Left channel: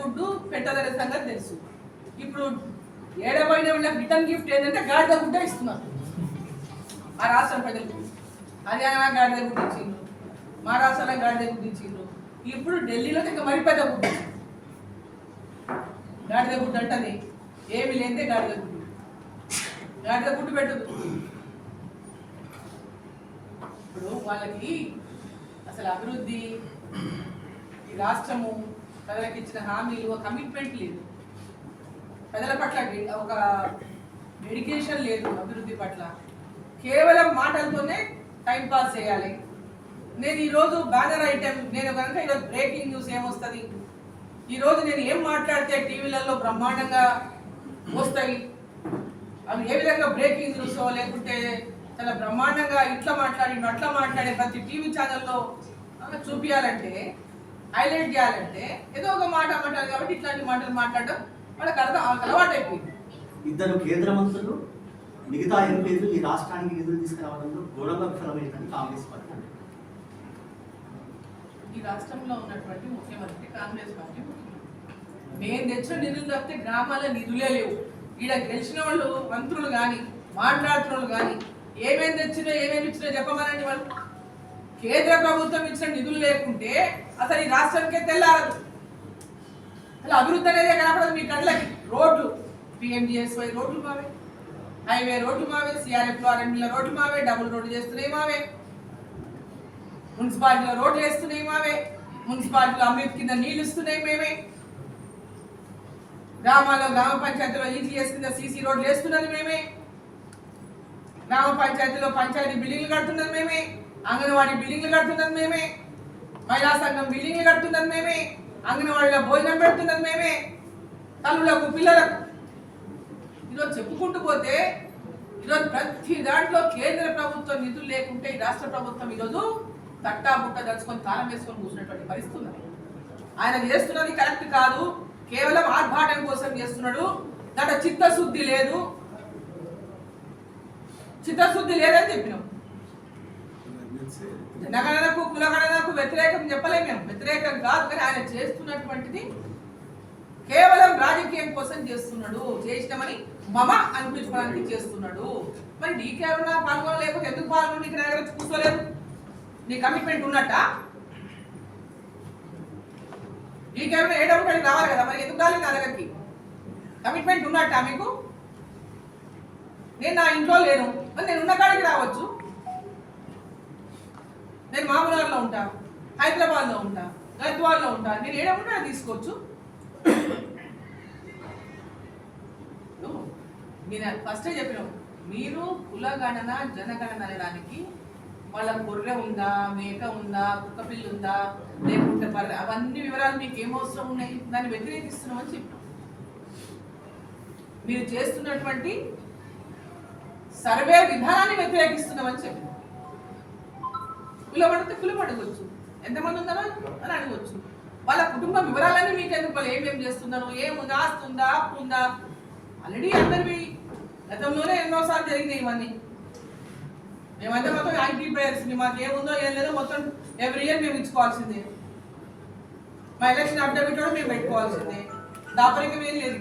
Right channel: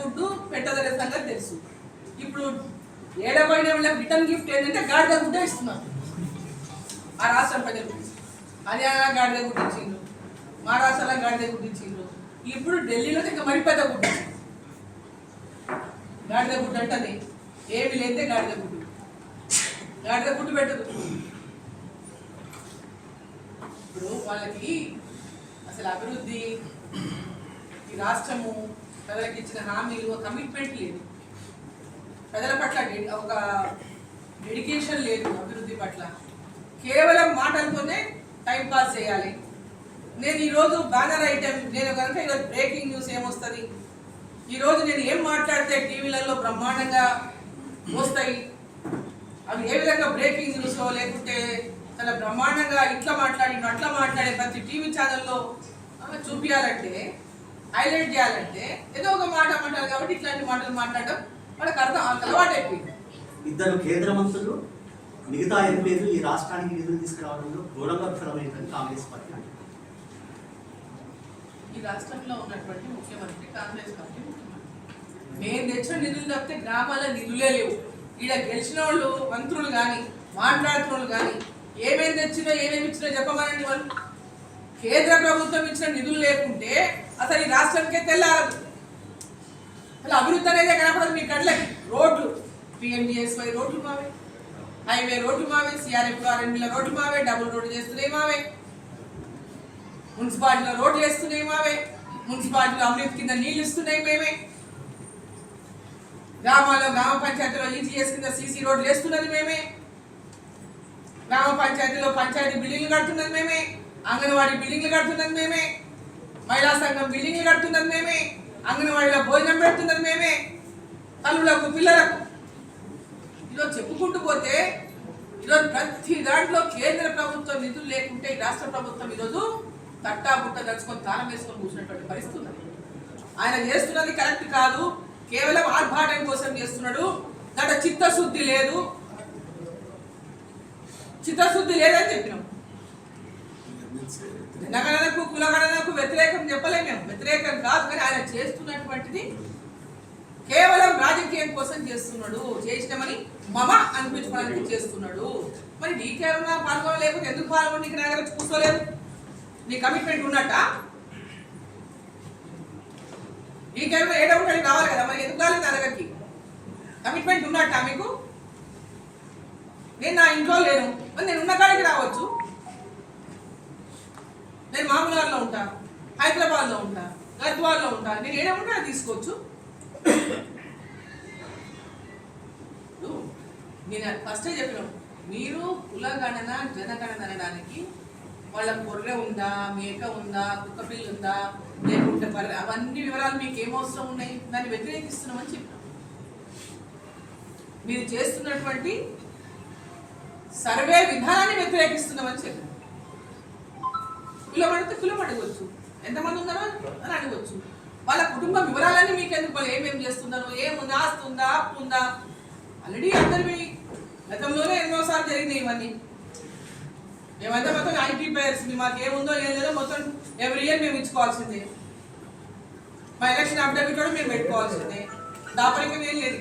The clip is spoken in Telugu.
గుడ్డు పెట్టదనే సంగతి తెలుసు. ఇప్పుడు ఏడబడిన వాళ్ళకి రిటర్న్ గిఫ్ట్ ఏంటంటే గాడిద గుడ్డ ఇస్తున్నారు ఆ రాష్ట్రం ప్రజలకు. హర్యానా గాడిద గుడ్డ ఇచ్చిండ్రు, మహారాష్ట్రలో గాడిద గుడ్డ ఇచ్చిండ్రు, ఇప్పుడు ఢిల్లీలో ఇంకా మరి పెద్ద గుడ్డ ఇచ్చిండ్రు. గాడిద గుడ్డు అంటది ఏమి లేదే గాడిద గుడ్డు, గాడిద గుడ్డు పెట్టదు. ఇప్పుడు వాళ్ళకి అసలు అభివృద్ధి, ఈ రాష్ట్రము ప్రజలకు ఇచ్చిన హామీలు, కమిట్మెంట్ లేదు, ప్రజల పట్ల ఒక డెడికేషన్ లేదు అభివృద్ధి పట్ల. కేవలం మాటలతోనే టైంపాస్ చేయాలి. నేను ఈరోజు బ్యానర్ ఐటెం, నేను కనుక ఈరోజు బ్రేకింగ్ న్యూస్ ఏమొస్తుంది, ఈరోజు నేను ఏం మాట్లాడితే టీవీలలో బ్రహ్మాండంగా వస్తాయి, అవి ఏ విధంగా బ్రేకింగ్ న్యూస్ లేకుంటే చాలా బ్రహ్మాండంగా ఇట్లా మాట్లాడి అట్లా మాట్లాడే ప్రతి టీవీ ఛానల్లో చూపించాలంటే, హైలైట్ చేయాలంటే ఏదో ఒక మాట మాట్లాడాలి. కాబట్టి ఇట్లాంటి మాటలు మాట్లాడడం వాళ్ళకి అలవాటు అయిపోయింది. ఇద్దరు కేంద్ర మంత్రులు, మిగతా ఎంపీలు ఈ రాష్ట్రానికి నిధులు తీసుకురావడంలో ఘోరంగా విఫలమైందని కాంగ్రెస్ పార్టీ అంటారు. ఈ రాష్ట్రంలో ఉన్నటువంటి ముఖ్యమంత్రి కాంగ్రెస్ పార్టీ ముఖ్యమంత్రి. మేము తెచ్చిన నిధులు తప్పితే గ్రామాల్లో నిధులే లేవు. ఈడ గెలిచిన వాళ్ళు మంత్రులు కానీ మాట్లాడుతున్న వాళ్ళు కానీ ఏమేమి తెచ్చినా ఏమేమి ఇచ్చినా చెప్పమనండి. వాళ్ళు కేంద్ర ప్రభుత్వం ఇచ్చిన నిధులు లేకుంటే అసలు ఈ రాష్ట్రానికే తెల్లారదు. అసలు అభివృద్ధి అనేది కనపడదు మీ కళ్ళకి. రోడ్లు, PMGSY రోడ్లు మావే, హైవే రోడ్లు మావే, CRF రోడ్లు మావే, డబుల్ రోడ్లు చేస్తున్నాయి మావే, మున్సిపాలిటీలో రోడ్లు వేస్తున్నాయి మావే, మున్సిపాలిటీలో అమృత్ కింద నీళ్లు ఇస్తున్నాయి మేమే, గ్రామాల్లో గ్రామ పంచాయతీలో EGS కింద CC రోడ్లు వేస్తున్నది మేమే, గ్రామ పంచాయతీలో పంచాయతీ బిల్డింగ్లు కడుతున్నది మేమే, అంగన్వాడీ బిల్డింగ్లు కడుతున్నది మేమే, మహిళా సంఘం బిల్డింగ్లు కడుతున్నది మేమే, అంగన్వాడీలో భోజనం పెడుతున్నది మేమే, తల్లులకు పిల్లలకు. ఈరోజు చెప్పుకుంటూ పోతే ఈరోజు ప్రతి దాంట్లో కేంద్ర ప్రభుత్వం నిధులు లేకుంటే ఈ రాష్ట్ర ప్రభుత్వం ఈరోజు తట్టా బుట్ట దలుచుకొని తాళం వేసుకొని కూర్చున్నటువంటి పరిస్థితి ఉన్నది. ఆయన చేస్తున్నది కరెక్ట్ కాదు, కేవలం ఆర్భాటం కోసం చేస్తున్నాడు. దాంట్లో చిత్తశుద్ధి లేదు, చిత్తశుద్ధి లేదని చెప్పినాం. జనగణనకు కులగణనకు వ్యతిరేకం చెప్పలేము మేము, వ్యతిరేకం కాదు. కానీ ఆయన చేస్తున్నటువంటిది కేవలం రాజకీయం కోసం చేస్తున్నాడు, చేసినామని మమ అనిపించుకోవడానికి చేస్తున్నాడు. మరి నీకేమన్నా పాల్గొనలేకపోతే ఎందుకు పాల్గొని ఇక్కడ దగ్గర కూర్చోలేదు? నీ కమిట్మెంట్ ఉన్నట్ట? నీకేమైనా ఏ డబ్బు కాడికి రావాలి కదా, మరి ఎందుకు రాలేదు నా దగ్గరికి? కమిట్మెంట్ ఉన్నట్ట మీకు? నేను నా ఇంట్లో లేను, మరి నేను ఉన్న కాడికి రావచ్చు. నేను మామూలులో ఉంటా, హైదరాబాద్లో ఉంటా, గద్వాల్లో ఉంటా, నేను ఏడముంటే తీసుకోవచ్చు. నేను ఫస్టే చెప్పినాం, మీరు కులగణన జనగణన అనడానికి వాళ్ళ గొర్రె ఉందా, మేక ఉందా, కుక్క పిల్లి ఉందా, లేకుంటే అవన్నీ వివరాలు మీకు ఏమవసరం ఉన్నాయి? దాన్ని వ్యతిరేకిస్తున్నామని చెప్పినాం. మీరు చేస్తున్నటువంటి సర్వే విధానాన్ని వ్యతిరేకిస్తున్నామని చెప్పినాం. కులం అడిగితే కులం అడగవచ్చు, ఎంతమంది ఉన్నారో అని అడగవచ్చు. వాళ్ళ కుటుంబ వివరాలన్నీ మీకు ఎందుకు, వాళ్ళు ఏమేమి చేస్తున్నారు, ఏముందా, ఆస్తి ఉందా, అప్పు ఉందా, ఆల్రెడీ అందరివి గతంలోనే ఎన్నోసార్లు జరిగినాయి ఇవన్నీ. మేమంతా మొత్తం ఐడెంటిఫైయర్స్, మాకు ఏముందో ఏం లేదో మొత్తం ఎవ్రీ ఇయర్ మేము ఇచ్చుకోవాల్సిందే. మా ఎలక్షన్ అఫిడవిట్ కూడా మేము పెట్టుకోవాల్సిందే, దాపరికం ఏం లేదు.